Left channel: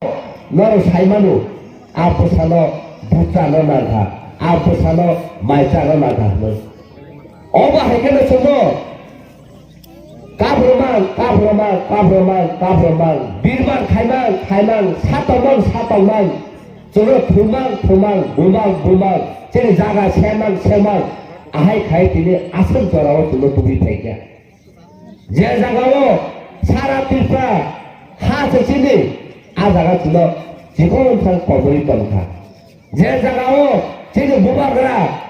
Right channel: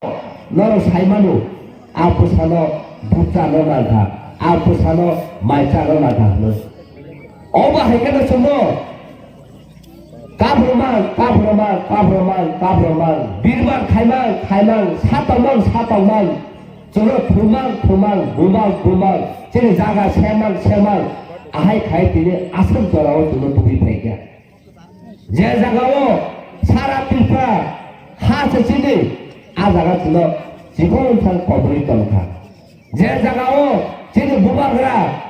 너로 살만우 아프사노 부자노 나가 아프사노 말자노 나가 어마 해결을 좀너 까브로만 비르만 칼망 사떡만 저로 부망 제니 자가 세망 아하이 가이티니 아슴 저라고 저로 두비 패기야 제 자가고 사람들파 하스치니 아자가 저로 지공상 거부리 던가 제 자가고 제니 무방그라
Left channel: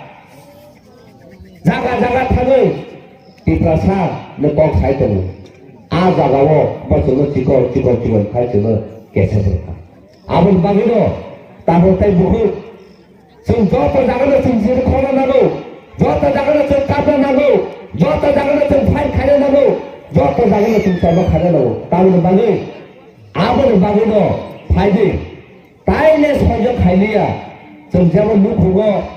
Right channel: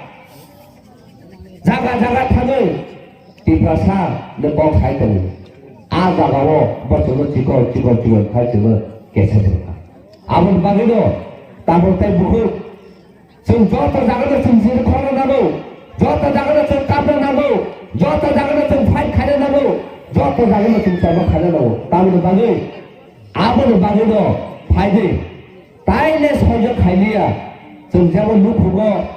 자가 타는 디프라사 내뻥 살던 아자가고 버스로 지고 탈지로 계속된다 아무리 방에도 따볼때 무슨 좀 좋다 자가도 좀 지를 걸어나고 좋다 자가도 좀 깜빡나고 좋다 자가도 좀 파이 가려나고 좋다 자가도 좀 잡아 가려나고 따보는 방에 아무리 방에도 파이디 따일래 서적 가이리야 좀 잡아 누구고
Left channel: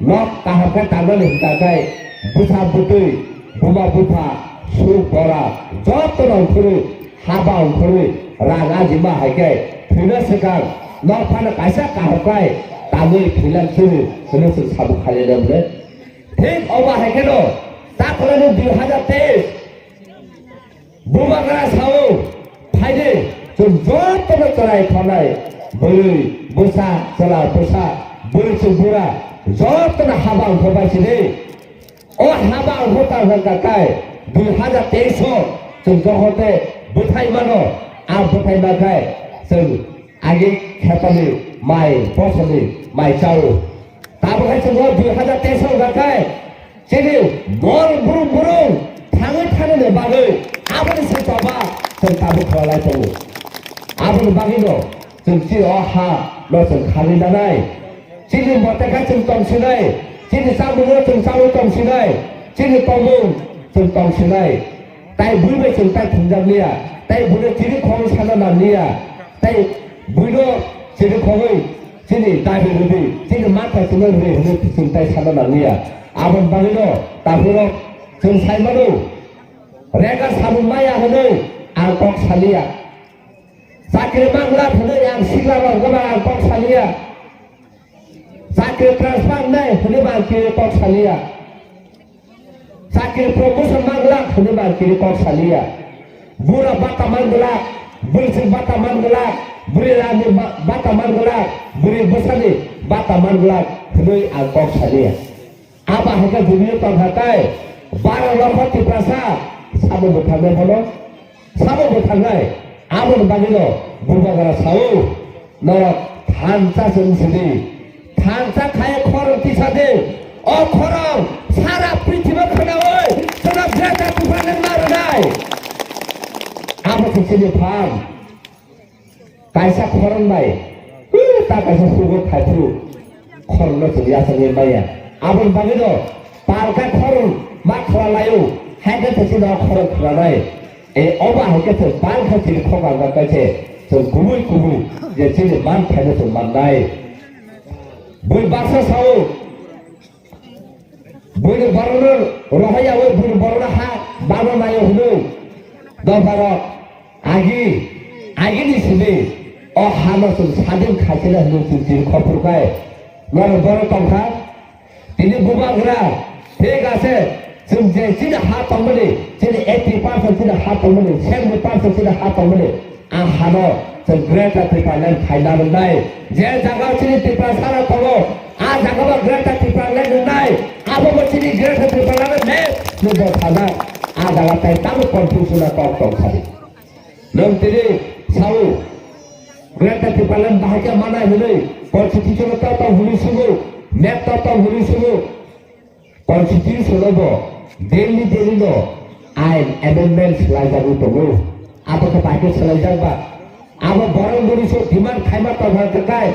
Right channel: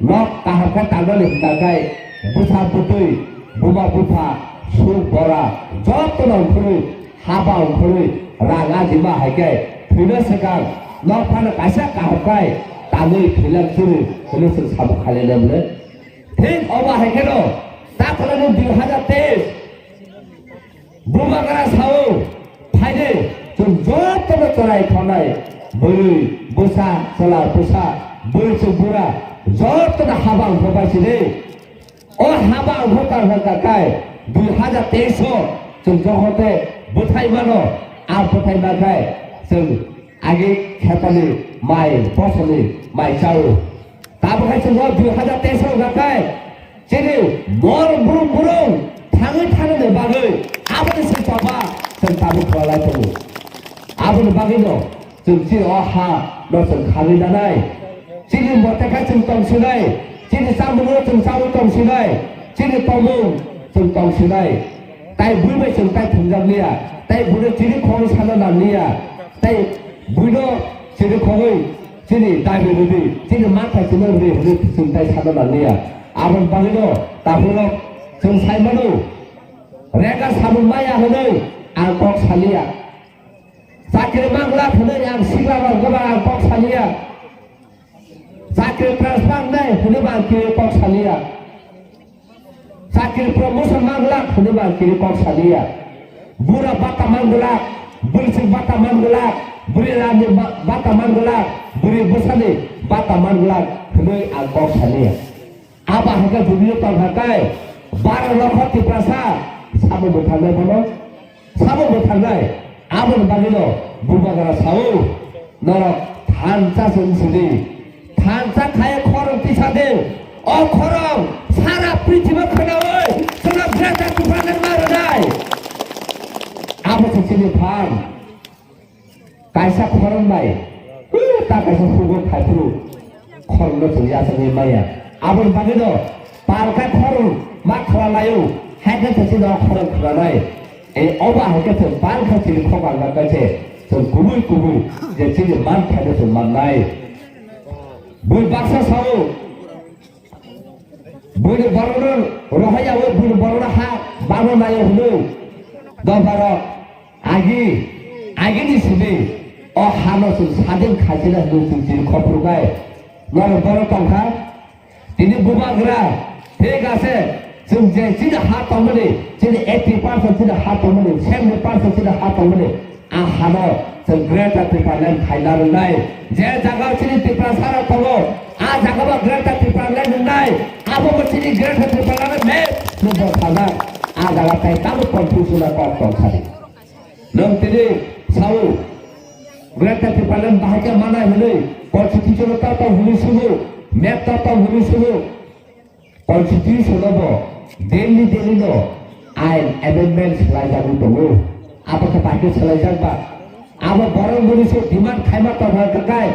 nok tahapkan tanggal hinggakai busa putui buma bupa su bora jotonan kuri habang kuri raga jima hagai phina sekang nok phana kaisa kahakai tangai philam suri phina se sabu khale namle thik oba haikeno taklani 2023 buma kara sao phaide jum jotonan charai khanai buri busa sala busa buri sembura jotonan habang khobaisini o habang khokar hangkakai 2023 जों जहते बोथाइमानो आ बोथाइमाखाय जों आगे खेतानि माइ फसलनि माइ जावो दाबोखाय जों 2023 गाखाय जेरै बर बुरुं थाङै बागै आबादनि सेथाबा जों दाबो खालाय दङ आबादनि बागै दं जों जि हा जों खालि जानाय जेरै मतेखाय जों दंसिनाय जेरै जामुङाव जों जावो दंसिनाय जेरै तमुं जों दंसिनाय ताई बुइबे जों ताई थुंजाबलिया ताई बुनो जिरि खङै साना नामलिया ताई बुइनो जिरि खङै जिनि दाबि रुबि जिनि माथा जों रुबि होनो जों ताई साना नामलिया आबन बागैनो दाफोरो जों साइमानो रेगा साबुन माया होनो आं कक सालिया साख्रि मांग्ला होनो आं सिग्ला रंगबा आं कक सालिया साख्रि ट्रान्सफार नै होनो आं कक सालिया sakit promosi manglak hune bar kiri kok salia bura bata manglak bersih bata manglak beri rani bata manglak beri besani bata manglak hune ang kok salia apa hingga dunia tong hakai barang lokot di prasa sama bertangai bono sama bertangai amun bagino bumbagara sao norok tansa sendiri tansa kaya korong tisade oh korong सारा पृथ्वी खनावै जोंना ग्रेटा तुफान मारनाय आबो सिनि फान कायसा खरनबाय ता कायसा सुगो खायफ्रु खरनो जों यासनि माया आबो बागैनो पालका खरन मा खलालायो हायदे सिनि न खरन खलानाय ए अबा हायके जों बाल खाथि खगांगा कायसे जों गुबै जे सिनि मान खायदे जों माननाय बै बाक्सा Sao Bunuh baronor rohaya we bunuh baronor ha baron ayo hunu dombaro agi di sini oh hano sun sadin khajila hunu sun khoprukai nor baron tongkha tini bumagra thik ase जों जे जिना हा तंगमनि जिनि 80% जिना हा तंगमनि 70% जिना हा तंगमनि आ हानो जों ग्रेटा टिपालेन खायनारनाय जे जागाव जिनि टिपा सारा तंगो आ जागाव ग्रेटा टिपालेन नंनाय आबो बचिनि ग्रेटा टिपालेन मे नुबो थाना आ जागा ताय ताम कन्फ्युजन कम तंसारि नों तिनि साउ ग्रेटा टिपालेन बाहाय मानाय हनै कन्स्टिट्यूशन ता हुलिसुगु मेप ता हुलिसुगु कन्स्टिट्यूशन बो daily no ain amendment selaijabu dong apa kepakai selaijaba apa barang manusia demand khaima tawha kai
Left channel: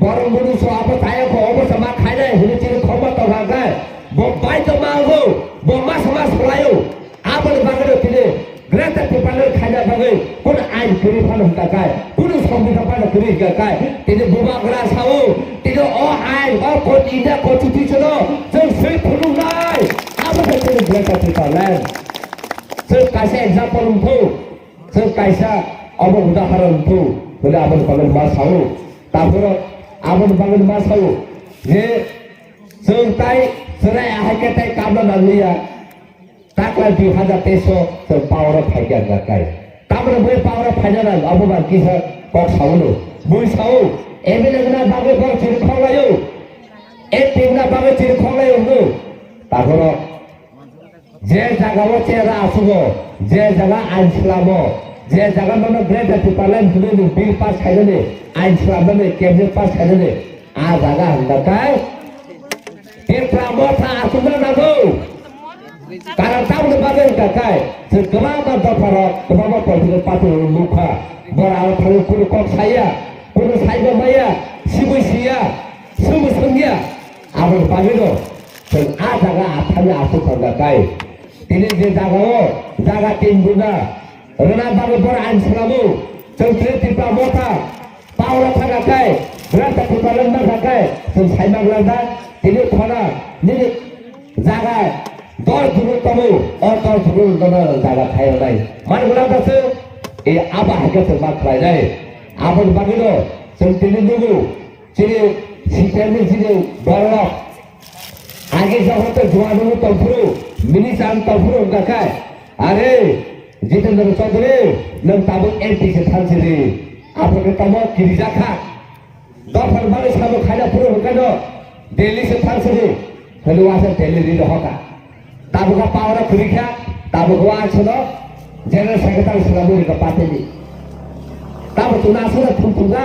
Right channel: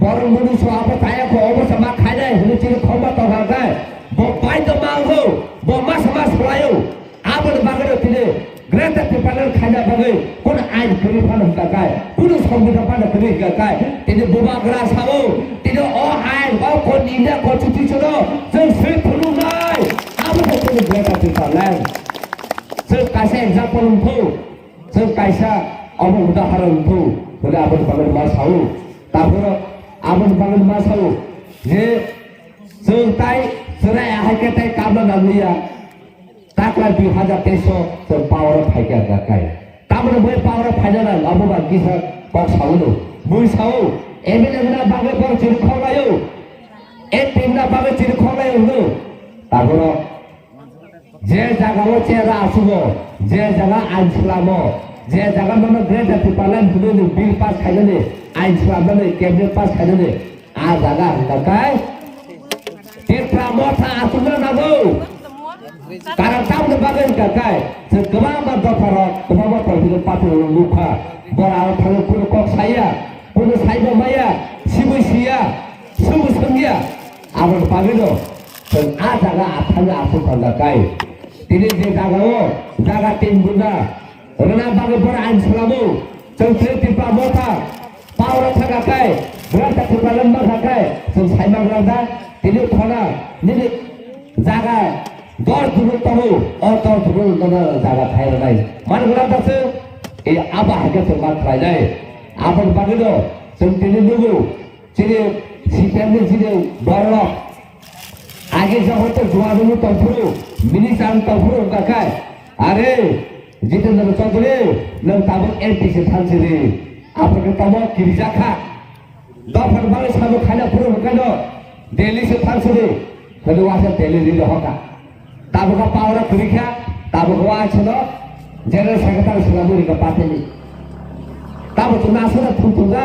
barang manusia apa kaya ko obo sama khaina hulu chiri khoma tawha kai bo bai to mango bo mas layo apa bagado tine greta tipalan khaina bagai kun ain kiri phan kai kun sambidan phan kiri kai tine buba gra sao tine o ain o kon inde constitution jeng sri phulu nai apa satu greta tipalan se kaisa example untu se kaisa obo udaharan untu pada apa बागै मा सावो तारपरे आबोनि बागै मा सावो जे जों ताइ जेराय आहायके ताइ कामना नांलिया ताकला 2023 जों पावर फाइका गाकाय तामने बै पावर फाइना अबबा किसा पक सावनो मुइ सावो एमएलए बागै पर चिर खावलायो ए टीमना बागै चिर खावलायो नो तारपरे जे जागाव चेरा आसुगो जे जागा आइन खालामो जे जागा ननो ग्रेड पार्लामेन्ट हुने बिल पास खायनानै आइन खालामनानै केबिनेट पास खायनानै आ जागा हंगारखाय टिप्रा मथा आसुनो नांगौ कारण तामने बागै हंगारखाय जों गोबां दफार गोबां पलिटिकेल पार्टी लुखा बरा थाङो कुनु कक साया कुनु साइबो माया सिबो सिया सुबो संगिया आबोनि बागै दं जों आ जागा आथाङो आसु हंगारखाय दिनै जे जागाव जागा टीम बुना रना बागै बर आइन खालामो जों टिप्रा मथा पावर थांगाखाय ग्रेड पार्लामेन्ट माखाखाय जों साइमाग्लांदा दिनै थाना दिनै जागा 10 दुरुं तमो अ 10 दुरुं दना जागा खायनाय मानगलादासो ए आबा हेकासो माथ्रायनाय आबोनि बागै दं जों दिनै नुगौ जेरै सिटेमनि दिनै बरफ आगे जगत जुआनु तफुरु मिनिसाम तफुरु गाखाय अरे जितेन्द्र चौधरी नों ताबो एमपी से थांसिरि आपने तमो किरिजाखा दफर बागै सामो खायना फुरु हकानो दिल्ली से थांसिरि होनो वासे दिल्ली रिल हका ताबो का पावर खुरिखा ताबो को आछलो जनरल सेक्रेटरी सुलामुरि का पातेली ताबो तो नासना थुंथुंगा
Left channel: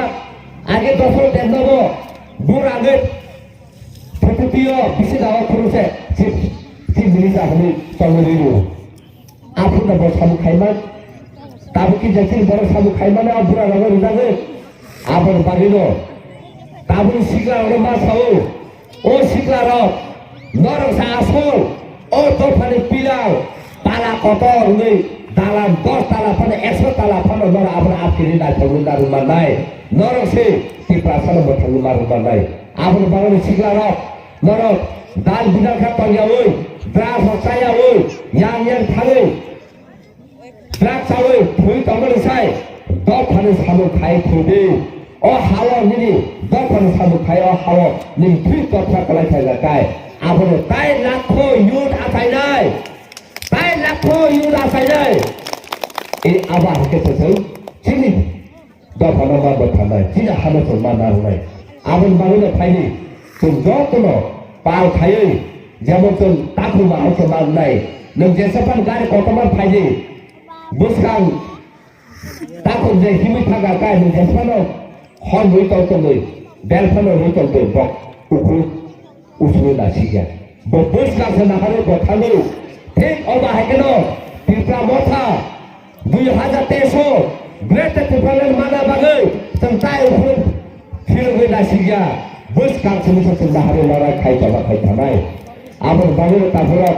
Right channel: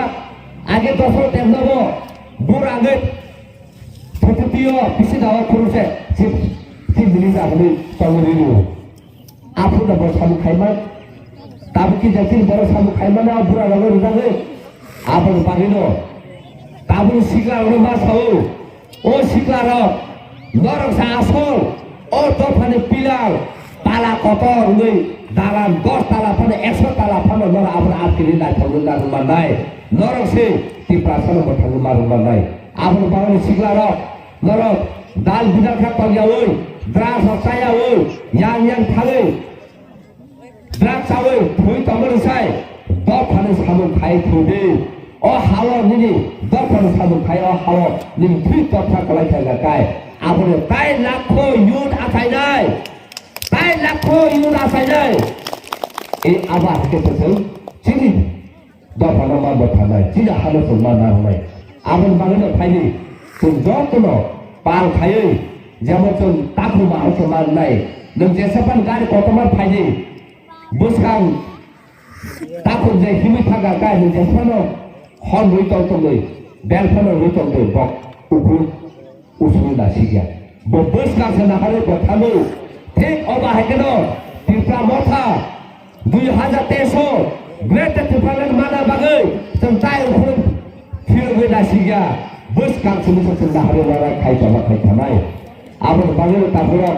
आगे दफर टेम नबो बुरागै Tetapiyo bisa dawa kuruse si milisa huni tongoliru. Apu na bos kamu kaiman, tabu ki jadi bos kamu kaiman na bura naga rudaga. Apu na bagino, tabu sikla orang mas kau, oh sikla rok, norong sa asol, oh tofane pilar, pala kotor ni dalam 10 tala pane 100 tala pane norong apu na apkiri na tolong na rumah nai, norong si di prasana bertanggung na rumah nai. Apu na bagino sikla rok. Norok dal bidal ka pangyawoi dras sayawoi yang thangai drak sawoi thui tamar sai do phane samu khai thude o hawo nini do phane samu khai o hawo ni thui to pha kalai thaga kai apone tai lakho yud asai nai tai lakho yud asai nai e aba ke tseu chini do phane ma ba thanai china halo so ma na nai abon banglo phaini जों जतनो पाल खायै जेमन जों ताखु मानो समान नाय नों जेसेबां गारि कतमान फायदि बुसखां ताखु जे हिमै थागा गाय नों जेसेबां हन रुइ तंगै बेलफानो रुइ तंगै बक उखु उसुनि नासिया बो बुसखां से नाहारे बथांगौ ठीक अबा हेकेनो टिप्रा मथा 2023 ग्रेट टिप्रालेन माना बागै जों ताय उखु फिरगै Nasiya bus kang semua sudah hari orang kaya bawa kaya tamai, aman bangun taburok,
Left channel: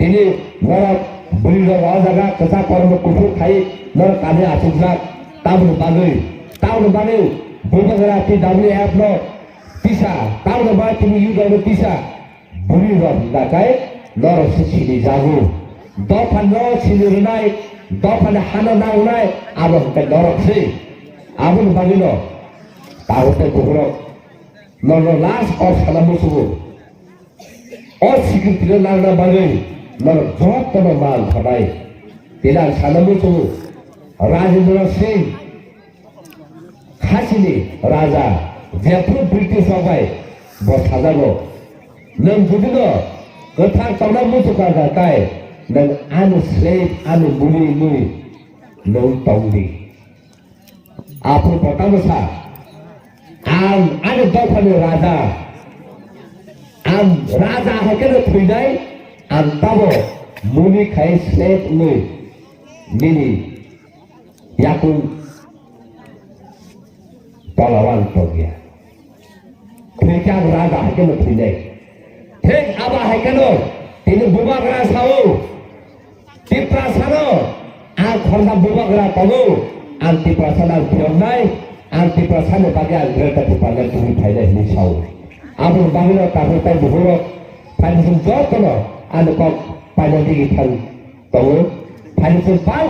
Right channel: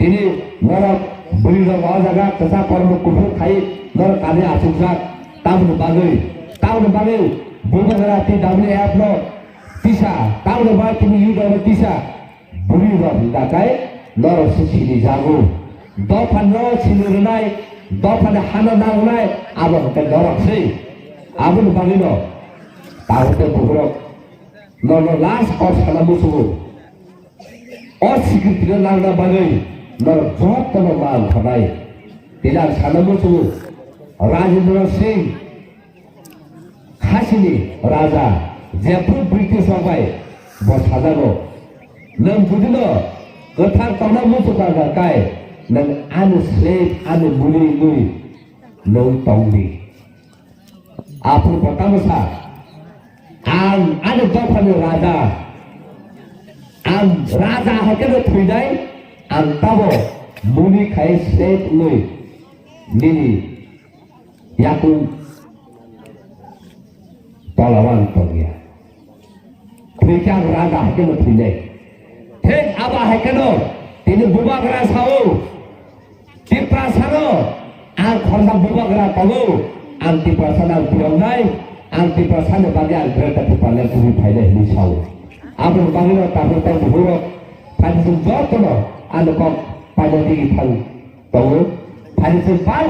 ini orang beli orang jaga kesat orang kufur kaya, orang kaya asumsak, tahun bangun, bukan berarti WF no bisa, tahun bangun ini yudo bisa, beli orang tidak kaya, orang sisi jago, dopan orang sini runai, dopan hana runai, aman orang sih, aman bangun no, tahun taburok. Nono las और सलामुसु और सिक्योरिटी नांगना बागै नर जत तनो माल थानाय तिला सलामुसु राजेन्द्र सिंह खासिनि राजा जेफोर ब्रिटिश आबाय बसादानो नों जुदिनो गोथार तंना मुसुका गाय नों आनो स्लेब आनो मुलि नुय नों तंनि आपु बतामसा ada dofan raja, raja hekel thuidai, tabo muni khai set lui, nini yaku pahlawan togia. Thikang raja hekel thuidai, thik aba hekelo, tini bubagra sao, tipra sano, khonda bubagra tago, tipra sana bionai. Anti perasaan bagian berada di paling tinggi pada ini saw. Abang bangino tahu tahu buruk, pada sumber tu lo, anu kau pada tinggi tahu, tahu, pada sumber